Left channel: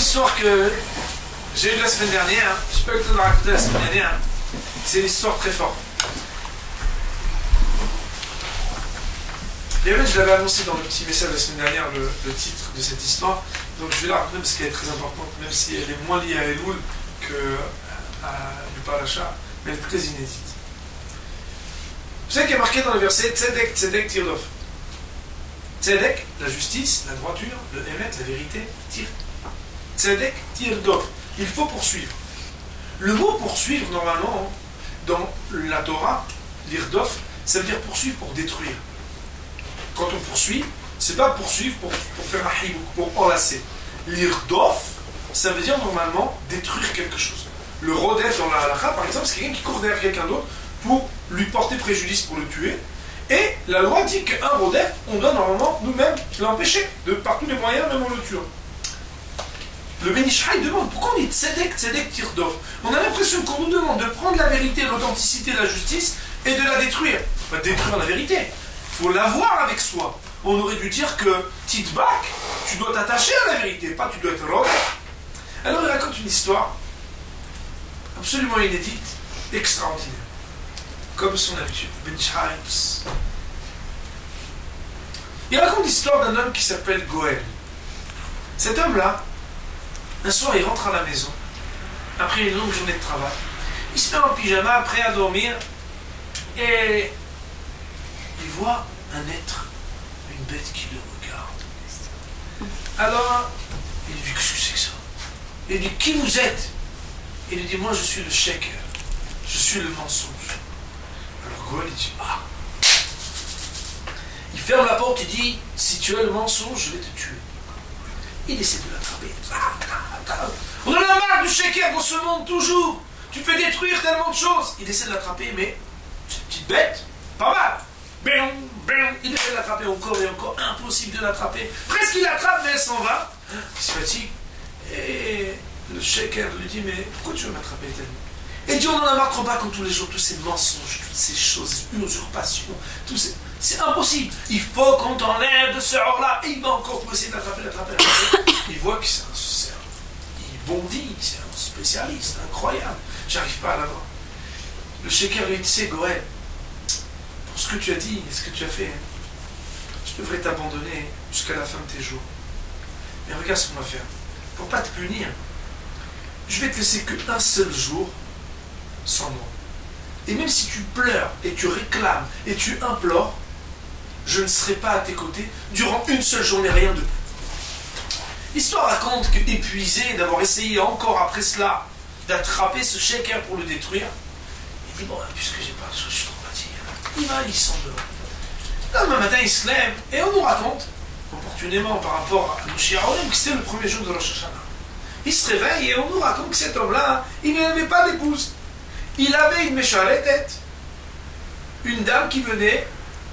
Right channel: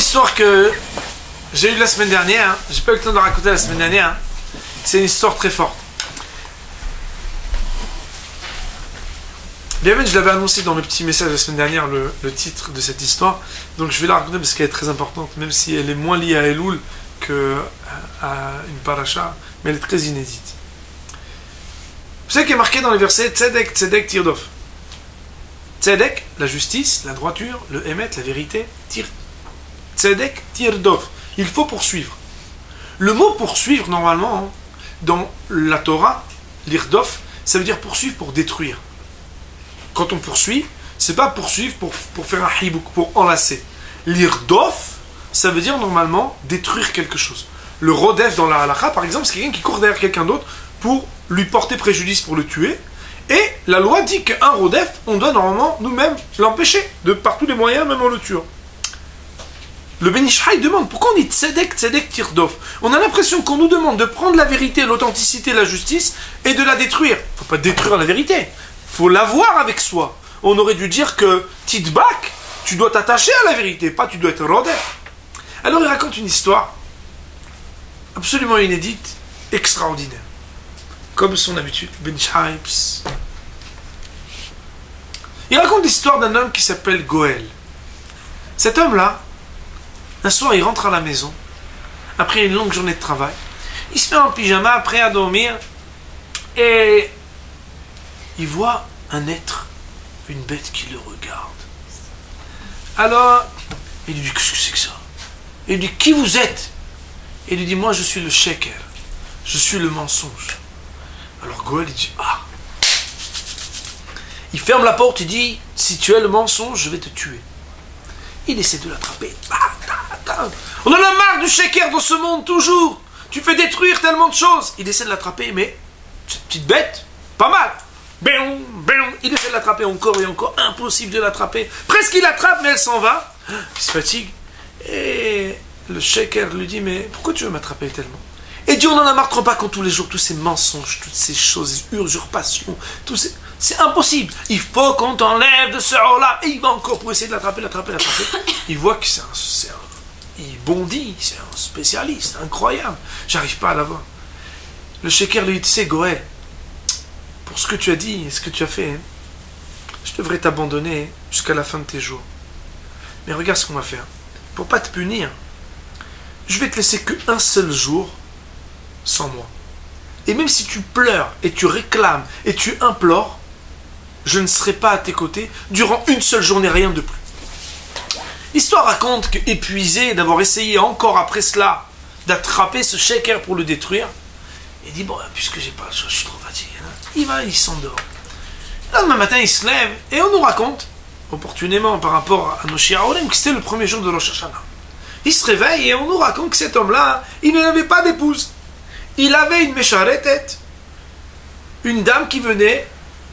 histoire que j'ai eue la semaine dernière, j'ai pas eu le temps de la raconter la semaine dernière, c'est une histoire très forte. Bien même, je l'avais annoncé dans le petit message la semaine dernière, le titre de cette histoire, donc je vais la raconter parce qu'elle est très importante, même si elle est moins liée à Elul qu'à une paracha, mais elle est très inédite. Vous savez qu'il y a marqué dans les versets Tzedek, Tzedek, Tirdof. Tzedek, la justice, la droiture, le Emet, la vérité, Tzedek, Tirdof. Il faut poursuivre. Le mot poursuivre, normalement, dans la Torah, l'Irdof, ça veut dire poursuivre pour détruire. Quand on poursuit, c'est pas poursuivre pour faire un hibouk, pour enlacer. L'Irdof, ça veut dire normalement détruire quelque chose. Le Rodef dans la halakha, par exemple, c'est quelqu'un qui court derrière quelqu'un d'autre pour lui porter préjudice, pour le tuer. Et la loi dit qu'un Rodef, on doit normalement nous-mêmes l'empêcher, par tous les moyens, même en le tuant. Le Ben Ish Chai demande pourquoi on dit Tzedek, Tzedek, Tirdof. On a l'impression qu'on nous demande de prendre la vérité, l'authenticité, la justice et de la détruire. Il ne faut pas détruire la vérité, il faut l'avoir avec soi. On aurait dû dire que Tidbak, tu dois t'attacher à la vérité, pas tu dois être Rodef. Alors il raconte une histoire absolument inédite, extraordinaire. Comme son habitude, Ben Ish Chai. Il raconte l'histoire d'un homme qui s'appelle Goël. Cet homme-là, un soir, il rentre à la maison, après une longue journée de travail. Il se met en pyjama, prêt à dormir, et il voit un être, une bête qui le regarde. Alors, il lui dit, qu'est-ce que c'est que ça? Il lui dit, qui vous êtes? Il lui dit, moi je suis le sheker, je suis le mensonge. Alors Goël, il dit, ah. Il ferme la porte, il dit, si tu es le mensonge, je vais te tuer. Il essaie de l'attraper. On en a marre du sheker dans ce monde, toujours. Tu fais détruire tellement de choses. Il essaie de l'attraper, mais cette petite bête, pas mal. Il essaie de l'attraper encore et encore. Impossible de l'attraper. Presque il l'attrape, mais elle s'en va. Il se fatigue. Et le sheker lui dit, mais pourquoi tu veux m'attraper tellement? Et Dieu, on en a marre trop pas quand tous les jours, tous ces mensonges, toutes ces choses, usurpations, tous ces... C'est impossible. Il faut qu'on t'enlève de ce rôle-là. Et il va encore pour essayer de l'attraper. Il voit que il bondit, c'est un spécialiste, incroyable. J'arrive pas à l'avoir. Le sheker lui dit, tu sais, Goël, pour ce que tu as dit et ce que tu as fait, je devrais t'abandonner jusqu'à la fin de tes jours. Mais regarde ce qu'on va faire. Pour pas te punir, je vais te laisser qu'un seul jour sans moi. Et même si tu pleures et tu réclames et tu implores, je ne serai pas à tes côtés durant une seule journée, rien de plus. L'histoire raconte qu'épuisé d'avoir essayé encore après cela d'attraper ce sheker pour le détruire, il dit, bon, puisque j'ai pas le choix, je suis trop fatigué. Il s'endort. Le lendemain matin, il se lève et on nous raconte, opportunément par rapport à nos Shiaolim, que c'était le premier jour de Rosh Hashanah. Il se réveille et on nous raconte que cet homme-là, il n'avait pas d'épouse. Il avait une mécharetette, une dame qui venait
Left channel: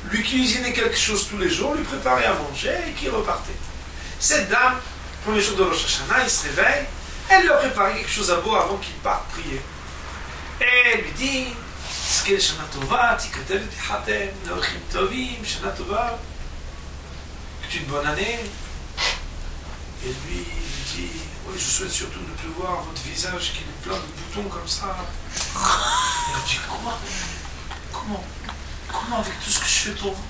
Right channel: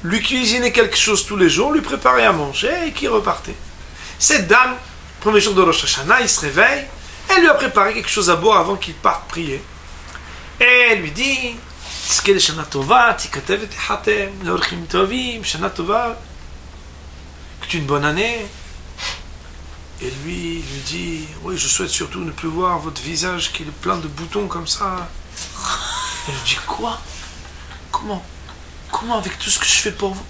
lui cuisiner quelque chose tous les jours, lui préparer à manger et qui repartait. Cette dame, premier jour de Rosh Hashanah, il se réveille, elle lui a préparé quelque chose à boire avant qu'il parte prier. Et elle lui dit, Shana Tova, Shana Tova, que tu aies une bonne année. Et lui dit, oui, je souhaite surtout ne plus voir votre visage qui est plein de boutons comme ça. Et elle dit, quoi? Comment avec tout ce que je fais pour vous?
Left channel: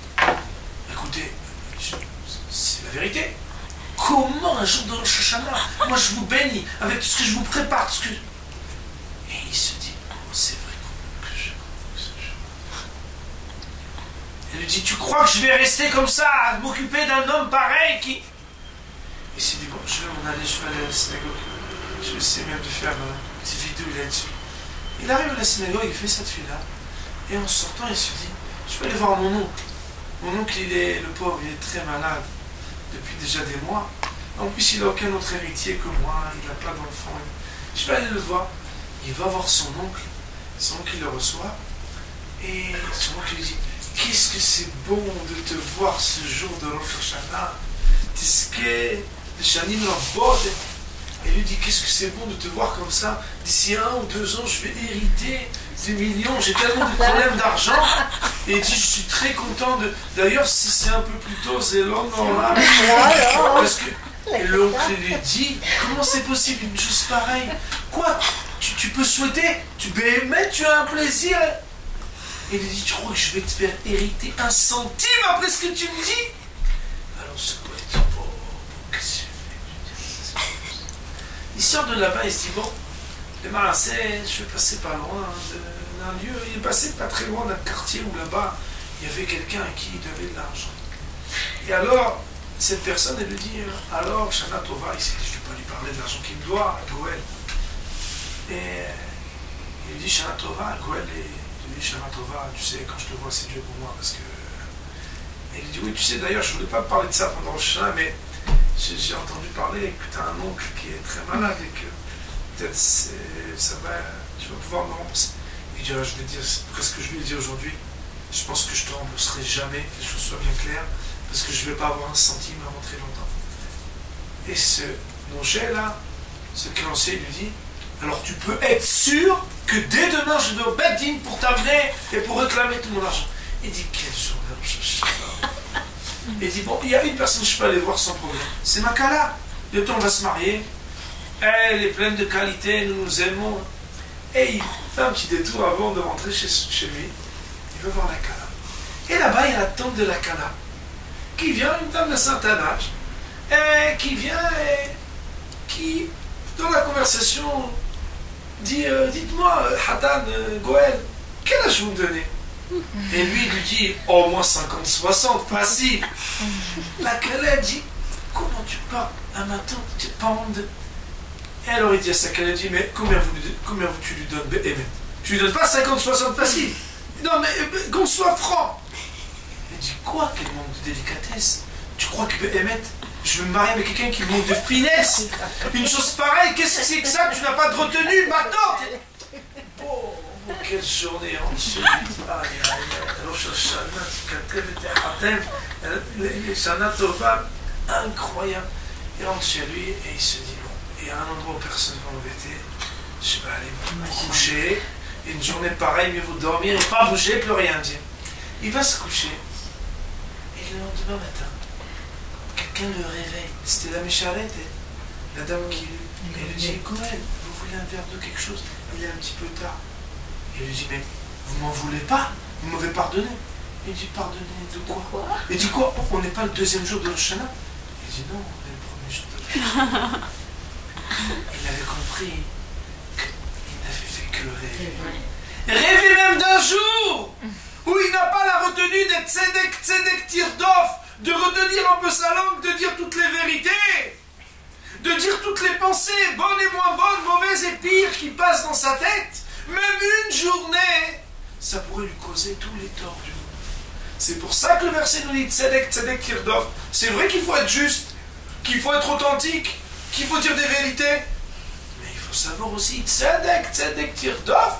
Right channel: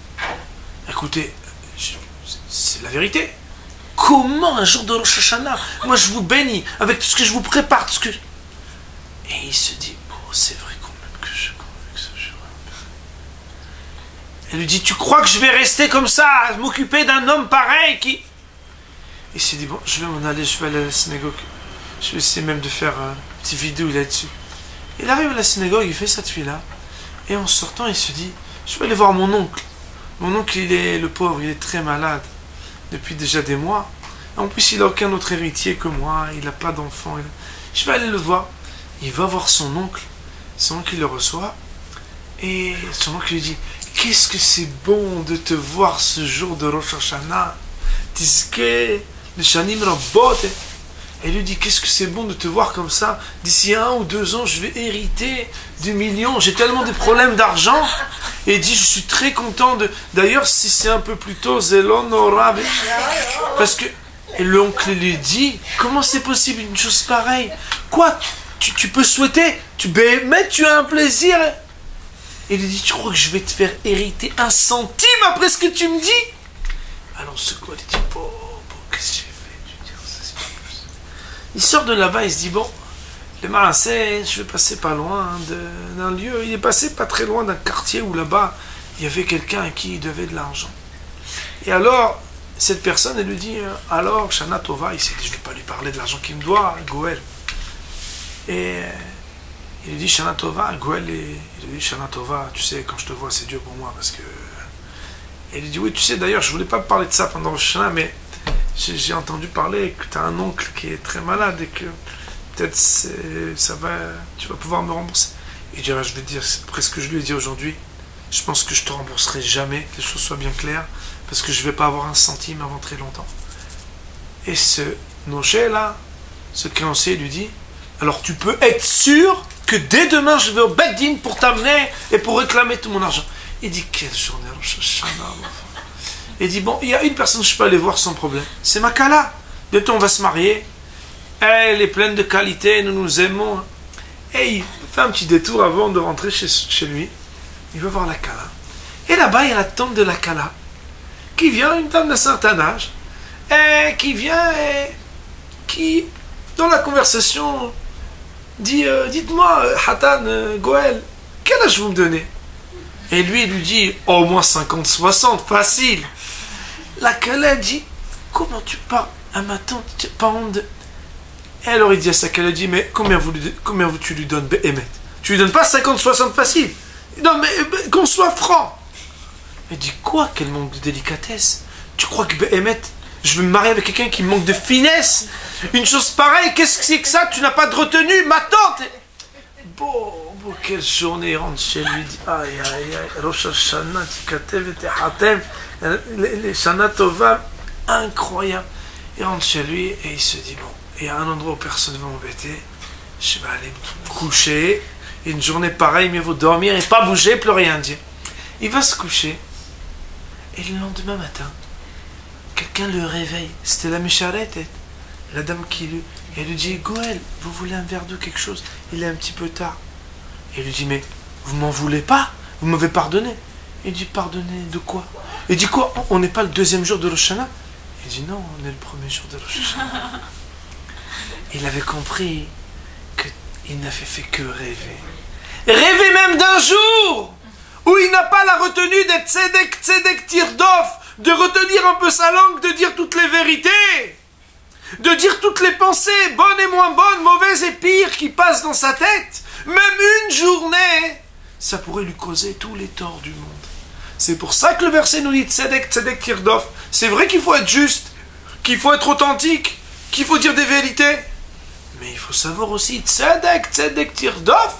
Écoutez, c'est la vérité. Comment un jour de Rosh Hashanah, moi je vous bénis avec tout ce que je vous prépare, tout ce que... Et il se dit, oh c'est vrai quand même que je crois que ce jour. Elle lui dit, tu crois que je vais rester comme ça, à m'occuper d'un homme pareil qui... Il s'est dit, bon, je vais m'en aller, je vais aller à la synagogue. Je vais essayer même de faire une petite vidéo là-dessus. Il arrive à la synagogue, il fait cette fille-là. Et en sortant, il se dit, je vais aller voir mon oncle. Mon oncle, le pauvre, il est très malade. Depuis déjà des mois. En plus, il n'a aucun autre héritier que moi. Il n'a pas d'enfant. Je vais aller le voir. Il va voir son oncle. Son oncle, il le reçoit. Et son oncle lui dit, qu'est-ce que c'est bon de te voir ce jour de Rosh Hashanah. Tiske... Et lui dit, qu'est-ce que c'est bon de te voir comme ça. D'ici 1 ou 2 ans, je vais hériter des millions. J'ai tellement de problèmes d'argent. Et il dit, je suis très content de... D'ailleurs, si c'est un peu plus tôt, Zelon Nora. Parce que Et l'oncle lui dit, comment c'est possible une chose pareille? Quoi? Tu peux souhaiter? Mais tu as un plaisir. Et il lui dit, tu crois que je vais te faire hériter 1 centime après ce que tu me dis? Alors ce quoi, il dit, bon, qu'est-ce que j'ai fait? Il sort de là-bas, il se dit, bon, le Marassé, je vais passer pas loin d'un lieu. Il est passé pas très loin d'un quartier où là-bas, il y avait quelqu'un à qui il devait de l'argent. Et alors, cette personne, elle lui dit, alors, Shana Tova, il s'est dit, je ne vais pas lui parler de l'argent qu'il me doit, Goël. Et il lui dit, Shana Tova, Goël, il lui dit, Shana Tova, tu sais, quand je te vois, c'est Dieu pour moi, parce que... Et il lui dit, oui, tu sais, d'ailleurs, je ne voulais pas parler de ça pendant le Shana, mais j'ai entendu parler que tu as un oncle qui est très malade et que peut-être tu vas pouvoir me rembourser. Il dit, je vais te dire, après ce que je lui ai dit aujourd'hui, je pense que je te rembourserai jamais, que les choses soient bien claires, parce que je ne vais pas avoir 1 centime avant très longtemps. Et ce noché-là, ce créancier lui dit, alors tu peux être sûr que dès demain, je vais au Beddin pour t'amener et pour réclamer tout mon argent. Il dit, quelle journée, il dit, bon, il y a une personne que je peux aller voir sans problème. C'est ma Kala. Bientôt, on va se marier. Elle est pleine de qualités, nous nous aimons. Et il fait un petit détour avant de rentrer chez lui. Il va voir la Kala. Et là-bas, il y a la tante de la Kala, qui vient, une dame d'un certain âge, et qui vient et qui, dans la conversation, dit, dites-moi, Hatan, Goël, quel âge vous me donnez? Et lui, il lui dit, au moins 50-60, facile. La Kala dit, comment tu parles à ma tante, tu n'as pas honte de... Et alors il dit à sa Kala, dit, mais combien tu lui donnes, Béhémet? Tu lui donnes pas 50-60 facile? Non, mais qu'on soit franc. Il dit, quoi? Quel manque de délicatesse? Tu crois que Béhémet, je vais me marier avec quelqu'un qui manque de finesse? Une chose pareille, qu'est-ce que c'est que ça? Tu n'as pas de retenue, ma tante? Bon, quelle journée, il rentre chez lui, il dit, aïe, aïe, aïe, Rosh Hashanah, Tikatev et Hatem, les Shana Tova, incroyable. Il rentre chez lui et il se dit, bon, il y a un endroit où personne ne va m'embêter, je vais aller me coucher, une journée pareille, mieux vaut dormir et pas bouger, plus rien dire. Il va se coucher, et le lendemain matin, quelqu'un le réveille, c'était la Mécharette, la dame qui lui... Elle lui dit, Goël, vous voulez un verre d'eau, quelque chose? Il est un petit peu tard. Et il lui dit, mais vous m'en voulez pas? Vous m'avez pardonné? Il dit, pardonner de quoi? Il dit, quoi? On n'est pas le 2e jour de Rosh Hashanah? Il dit, non, on est le 1er jour de Rosh Hashanah. Il avait compris qu'il n'avait fait que rêver. Rêver même d'un jour où il n'a pas la retenue d'être tzedek tirdof, de retenir un peu sa langue, de dire toutes les vérités, de dire toutes les pensées, bonnes et moins bonnes, mauvaises et pires, qui passent dans sa tête. Même une journée, ça pourrait lui causer tous les torts du monde. C'est pour ça que le verset nous dit tzedek tirdof. C'est vrai qu'il faut être juste, qu'il faut être authentique, qu'il faut dire des vérités, mais il faut savoir aussi tzedek tirdof.